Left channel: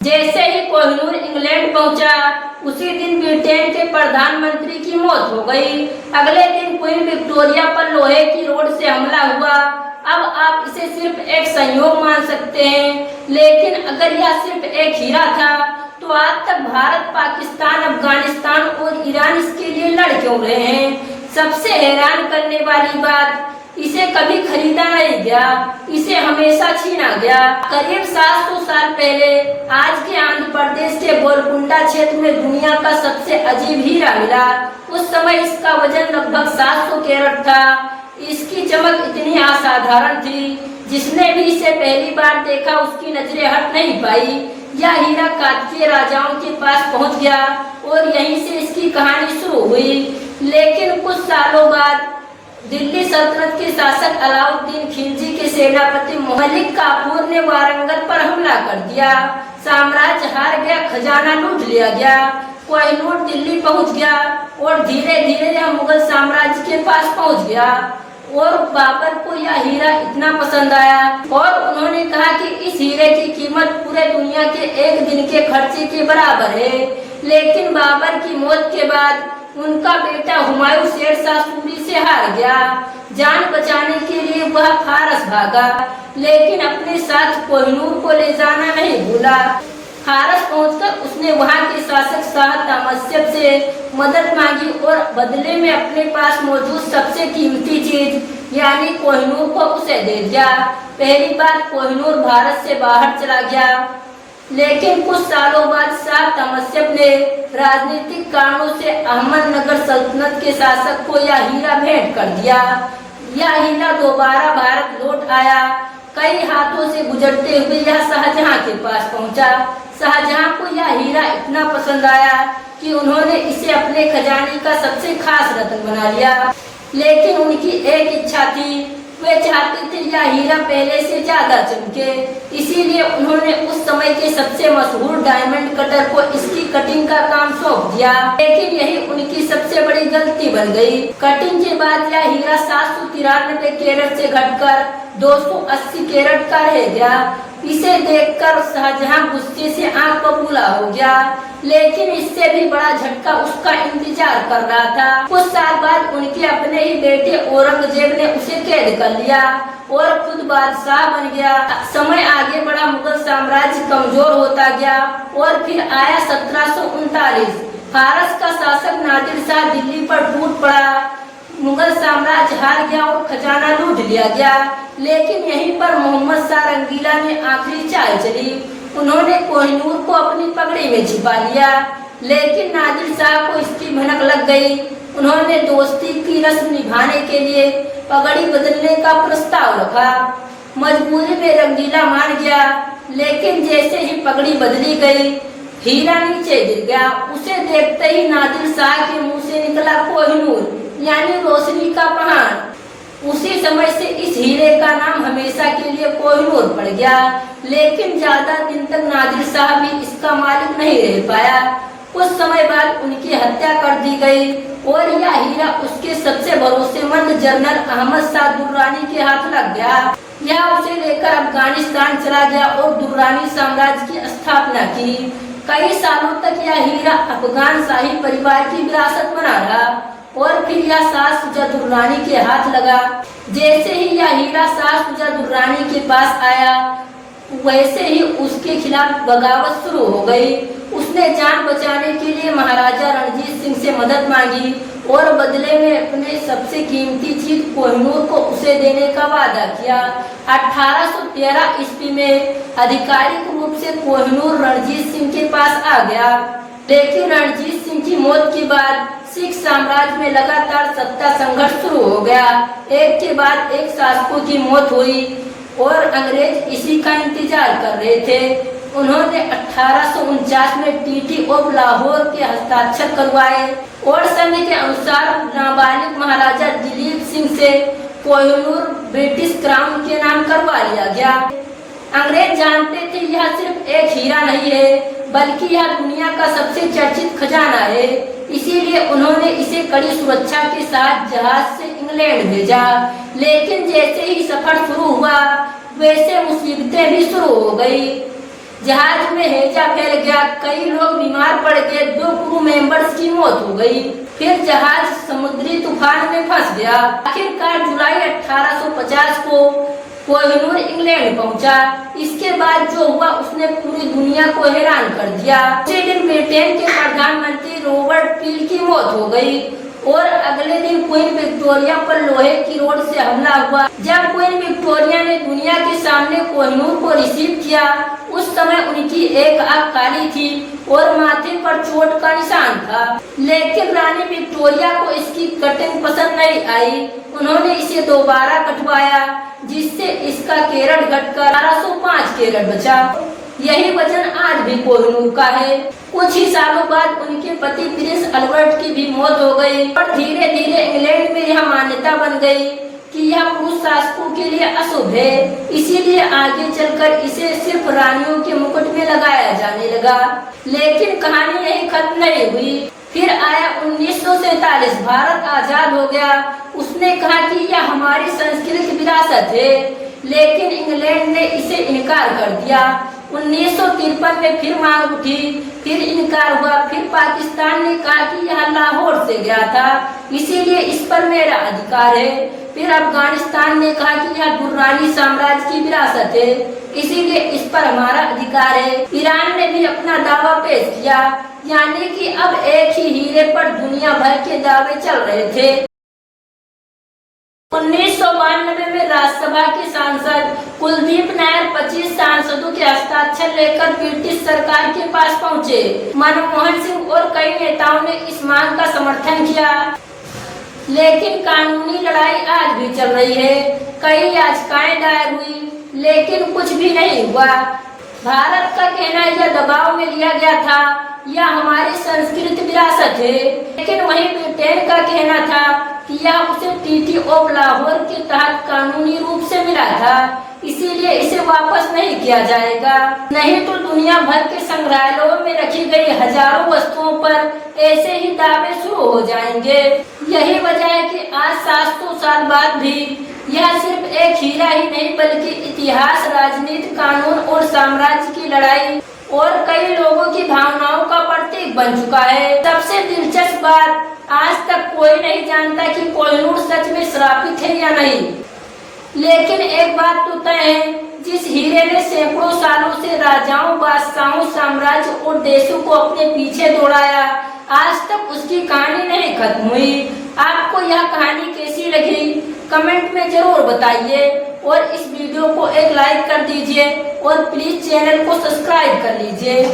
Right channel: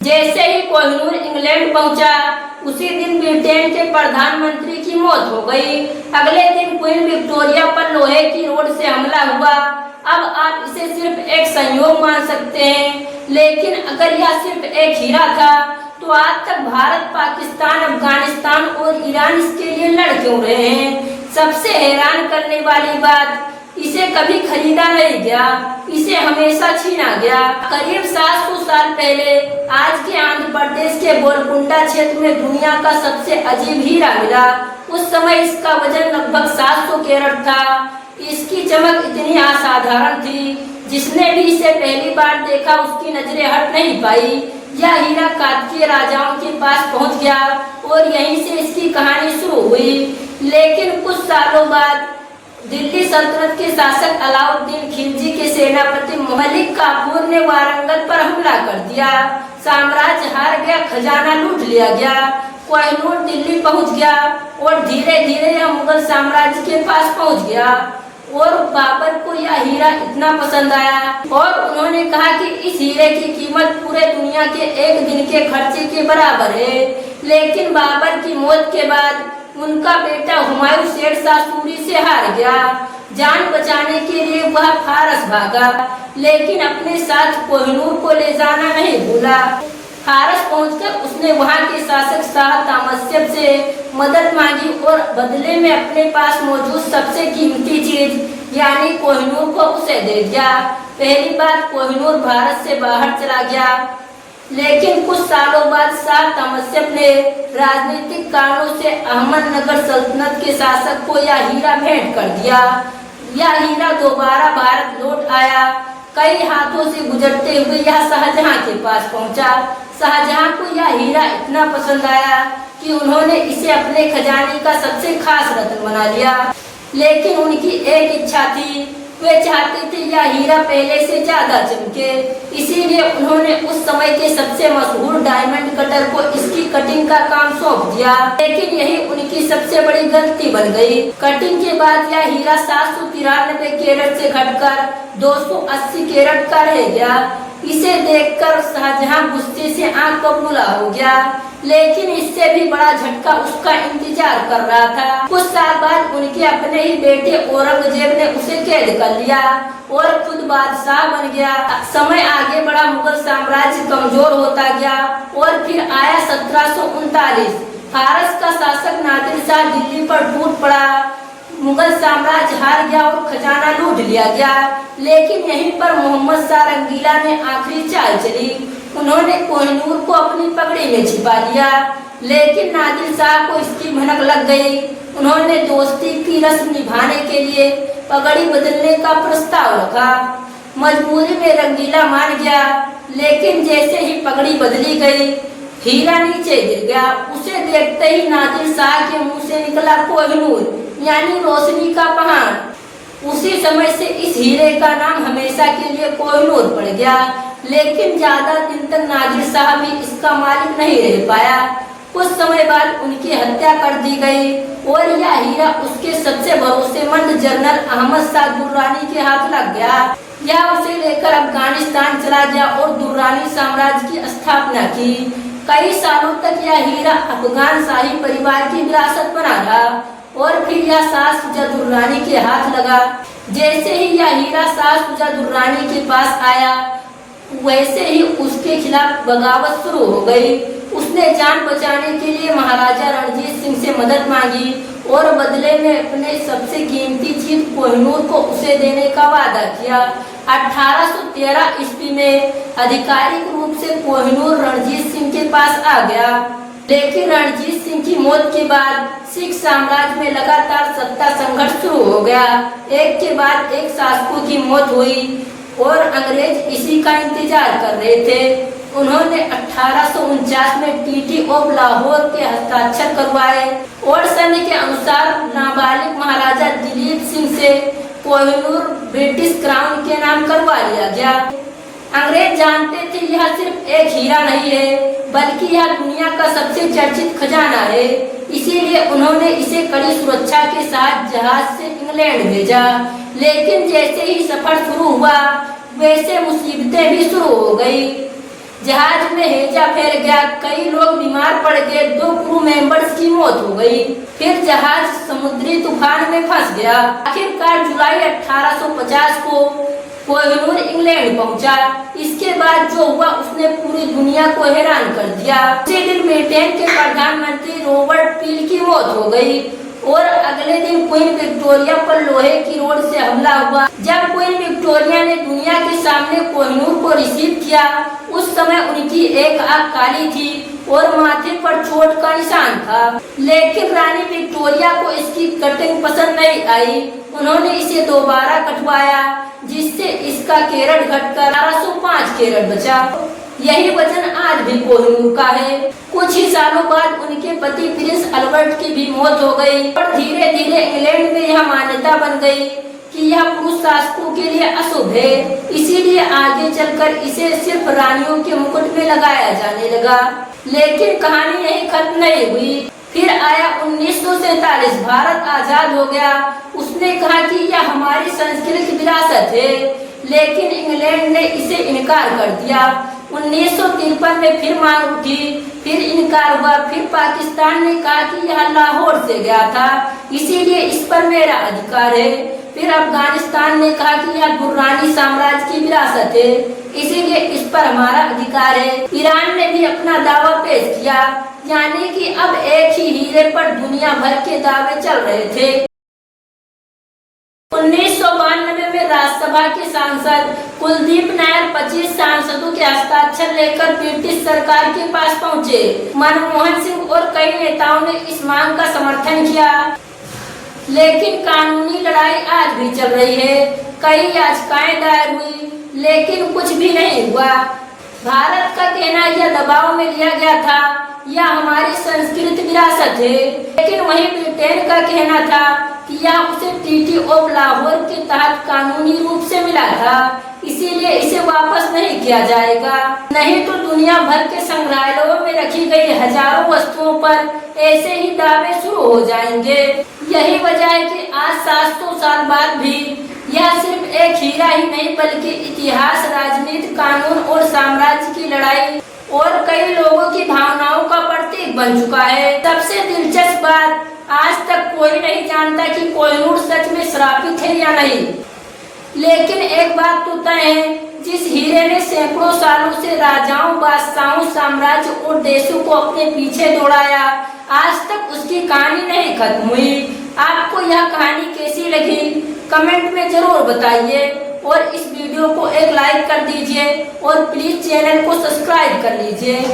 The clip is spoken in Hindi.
जैसे ही कोहिनूर इंग्लैंड पहुंचा, उसी दिन ब्रिटेन के प्रधानमंत्री की मौत हो गई। अगले दिन क्वीन विक्टोरिया पर लोहे की रोड से हमला हुआ। अब आप इसे सिर्फ एक संयोग मान सकते हैं, लेकिन अगर यह सिर्फ एक हीरा था तो आज तक भारत, पाकिस्तान, अफगानिस्तान और ईरान इसके लिए लड़ क्यों रहे हैं। सबसे हैरान करने वाली बात, इसे कभी खरीदा नहीं गया, इसे हमेशा छीना गया। करीब 700 साल पहले आज के आंध्र प्रदेश के गोलकुंडा क्षेत्र में दुनिया का सबसे अजीब हीरा मिला। उस समय इसका वजन लगभग 700 कैरेट था। इसकी चमक इतनी असाधारण थी, जिसने भी इसे पहली बार देखा उसकी नजरें हट नहीं पाई। यह हीरा काकतीय राजाओं के पास पहुंच गया और यहीं से इसकी कहानी शुरू हुई। लेकिन कुछ सालों बाद दिल्ली सल्तनत के शासक अलाउद्दीन खिलजी के सेनापति मलिक काफूर ने वारंगल पर हमला कर दिया। साम्राज्य हार गया, खजाना लूट लिया गया, कोहिनूर दिल्ली पहुंच गया और धीरे धीरे यह मुगल साम्राज्य के पास पहुंच गया। और बाबर को यह हीरा इतना पसंद आया और उन्होंने कहा कि इस हीरे की कीमत पूरे दुनिया के एक दिन के खर्चे के बराबर है। लेकिन बाबर की मौत के बाद उनका बेटा हुमायूं शेर शाह सूरी से हार गया। जान बचाने के लिए वह फारस भागा, लेकिन अपने साथ कोहिनूर को ले जाना नहीं भूला। फारस पहुंचकर उसने वहां के शासक शाह तामस्यब से मदद मांगी और बदले में अपने पास मौजूद सबसे कीमती चीज यानी कोहिनूर को उसे दे दिया। पहली बार कोहिनूर भारत से बाहर चला गया, लेकिन कुछ सालों बाद शाह तामस्यब ने राजनीतिक कारणों से अहमदनगर सल्तनत के शासक को यह हीरा भेंट कर दिया। यह हीरा दोबारा भारत लौट आया। कई हाथों से गुजरते हुए यह शाहजहां के पास पहुंचा। शाहजहां को यह हीरा इतना पसंद आया कि उन्होंने इसे अपने खजाने का सबसे खास रत्न बना लिया। लेकिन उनकी एक इच्छा थी, वे चाहते थे यह हीरा पहले से ज्यादा चमके। इसीलिए उन्होंने उस समय के सबसे मशहूर डायमंड कटर को इसकी कटिंग का काम सौंप दिया। लेकिन यही उनकी सबसे बड़ी गलती बन गई। कटिंग के बाद यह हीरा 793 कैरेट से घटकर 280 कैरेट का रह गया। इसे देखकर शाहजहां गुस्से से आंख बबूला हो गया, लेकिन इससे भी बड़ा झटका उसका इंतजार कर रहा था। कुछ साल बाद उनके अपने ही बेटे औरंगजेब ने उसे कैद कर लिया और खुद बादशाह बन गया। समय आगे बढ़ा, मुगल साम्राज्य कमजोर होता गया और फिर आया 1739। फारस का शासक नादिर शाह दिल्ली पर टूट पड़ा। मुगल साम्राज्य हार गया और खजाना लूट लिया गया। लेकिन यहीं पर मोहम्मद शाह रंगीला ने आखिरी चाल चली। उन्होंने कोहिनूर को अपनी पगड़ी में छिपा लिया, लेकिन नादिर शाह को इसकी भनक लग गई। उन्होंने दोस्ती की रस्म निभाने के लिए पगड़ी बदलने का प्रस्ताव रखा। मजबूरी में रंगीला मान गया, लेकिन जैसे ही पगड़ी बदली गई, हीरा नीचे गिर गया। उसे देखते ही नादिर शाह के मुंह से निकला कोहिनूर यानी रोशनी का पहाड़। उसी समय से इस हीरे का नाम हमेशा के लिए कोहिनूर पड़ गया। लेकिन ज्यादा दिन तक नादिर शाह भी इसका मालिक नहीं रह पाया। कुछ समय बाद उनकी हत्या कर दी गई और यह हीरा उसके सबसे भरोसेमंद जनरल अहमद शाह दुर्रानी के हाथ लग गया। यह उसे लेकर अफगानिस्तान चला गया और दुर्रानी साम्राज्य की स्थापना की। कई सालों तक यह हीरा अफगान शाही परिवार की विरासत बना रहा और फिर यह शाह शुजा दुर्रानी के हाथ लगा। जैसे ही यह हीरा शाह शुजा दुर्रानी के पास आया, वैसे ही उसके खिलाफ बगावत शुरू हो गई। उसने जान बचाने के लिए महाराजा रणजीत सिंह से मदद मांगी और बदले में अपने सबसे कीमती चीज कोहिनूर को उसे देने का वादा किया। 1813 ईस्वी में आधिकारिक रूप से कोहिनूर रणजीत सिंह के पास आ गया। लेकिन रणजीत सिंह की मौत के बाद सिख साम्राज्य में लगातार सत्ता संघर्ष शुरू हो गया। एक के बाद एक शासकों की मौत हुई और अंग्रेज इसी का इंतजार कर रहे थे। उन्होंने 1849 में ट्रीटी ऑफ लाहौर के हस्ताक्षर करवाए और सन्धि के अनुसार नाबालिग महाराजा दिलीप सिंह से कोहिनूर ब्रिटिश क्राउन के नाम करवा लिया गया। अंग्रेज जानते थे यह सिर्फ एक हीरा नहीं है, बल्कि यह दुनिया का सबसे चर्चित खजाना है। इसीलिए उन्होंने इसे कड़ी सुरक्षा के साथ जहाज से इंग्लैंड भेजा। लेकिन जैसे ही सफर शुरू हुआ, वैसे मुसीबतें भी शुरू हो गई। जहाज में हैजा फैल गया, कई लोग बीमार पड़ गए, 2 क्रू मेंबर्स की मौत हो गई। फिर जहाज समुद्री तूफान में फंस गया। आखिरकार जुलाई 1850 को कोहिनूर इंग्लैंड पहुंचा। इसके बाद जो हुआ उसने पूरी दुनिया को हैरान कर दिया। उसी दिन ब्रिटेन के प्रधानमंत्री रॉबर्ट पील की मौत हो गई और अगले दिन क्वीन विक्टोरिया पर लोहे की रोड से हमला हुआ। जब क्वीन विक्टोरिया ने दुनिया के सामने कोहिनूर को रिसीव किया, उस समय उनकी एक आंख काली थी और माथे पर चोट का निशान था। लेकिन रानी विक्टोरिया को इसकी कटिंग पसंद नहीं आई। उन्होंने इसे दोबारा कटवाया, जिससे इसका कैरेट घटकर 1805 कैरेट बचा। यही वजन आज भी कोहिनूर का है। कुछ ही सालों बाद उनके पति प्रिंस अल्बर्ट की भी मौत हो गई और धीरे धीरे इंग्लैंड में यह मान्यता बन गई कि यह पुरुष शासकों के लिए अशुभ है। इसीलिए आगे चलकर इसे सिर्फ रानियों के मुकुट में लगाया जाने लगा। लेकिन कहानी यही खत्म नहीं हुई। फिर आया 1947, भारत आजाद हो गया। उसने कहा कि यह हमारी सांस्कृतिक विरासत है, लेकिन इंग्लैंड ने इसे इनकार कर दिया। 1953 में फिर मांग उठी, फिर इनकार हुआ। फिर पाकिस्तान ने कहा कि यह लाहौर से गया था, इसीलिए इस पर मेरा अधिकार है। फिर अफगानिस्तान ने कहा कि यह दुर्रानी साम्राज्य की विरासत है, इसीलिए इस पर हमारा अधिकार है। ईरान ने भी अपना दावा पेश किया, यानी कि अब एक ही हीरे पर दुनिया भर के दावे चल रहे थे। 1992 में राज्यसभा के सांसद कुलदीप नायर 25 सांसदों के हस्ताक्षर लेकर ब्रिटिश सरकार के पास पहुंचे। मनमोहन सिंह और कई नेताओं ने इस मांग का समर्थन किया, लेकिन कानूनी लड़ाई आज भी चल रही है। कई याचिकाएं दायर हुई, लेकिन कुछ भी नहीं हुआ। भारत का कहना यह दबाव में लिया गया था, यह हमारी सांस्कृतिक विरासत है। लेकिन वहीं ब्रिटेन का कहना था कि यह उसे ट्रीटी ऑफ लाहौर के तहत कानूनी रूप से मिला था, इसीलिए इसे वापस नहीं किया जाएगा। नहीं तो दुनिया भर के संग्रहालयों में रखी गई हजारों वस्तुओं पर ऐसे ही दावे शुरू हो जाएंगे। यही वजह है कि आज 700 साल बाद भी यह सिर्फ एक हीरा ही नहीं, बल्कि इतिहास, राजनीति, कानून और साम्राज्य की लड़ाई और कई लोगों की भावनाओं का प्रतीक बन चुका है। सबसे दिलचस्प बात, आज तक कोई नहीं जानता कि कोहिनूर सच में श्रापित है या नहीं। लेकिन एक बात तो तय है, जिस हीरे ने सैकड़ों सालों से राजाओं, बादशाहों, साम्राज्य और देशों को अपने पीछे दौड़ाया, आज तक उसकी कहानी नहीं खत्म हुई। आपको यह कहानी कैसी लगी कमेंट में जरूर बताइए और इस वीडियो को एक लाइक कर दीजिए और प्लीज चैनल को सब्सक्राइब कर लीजिए।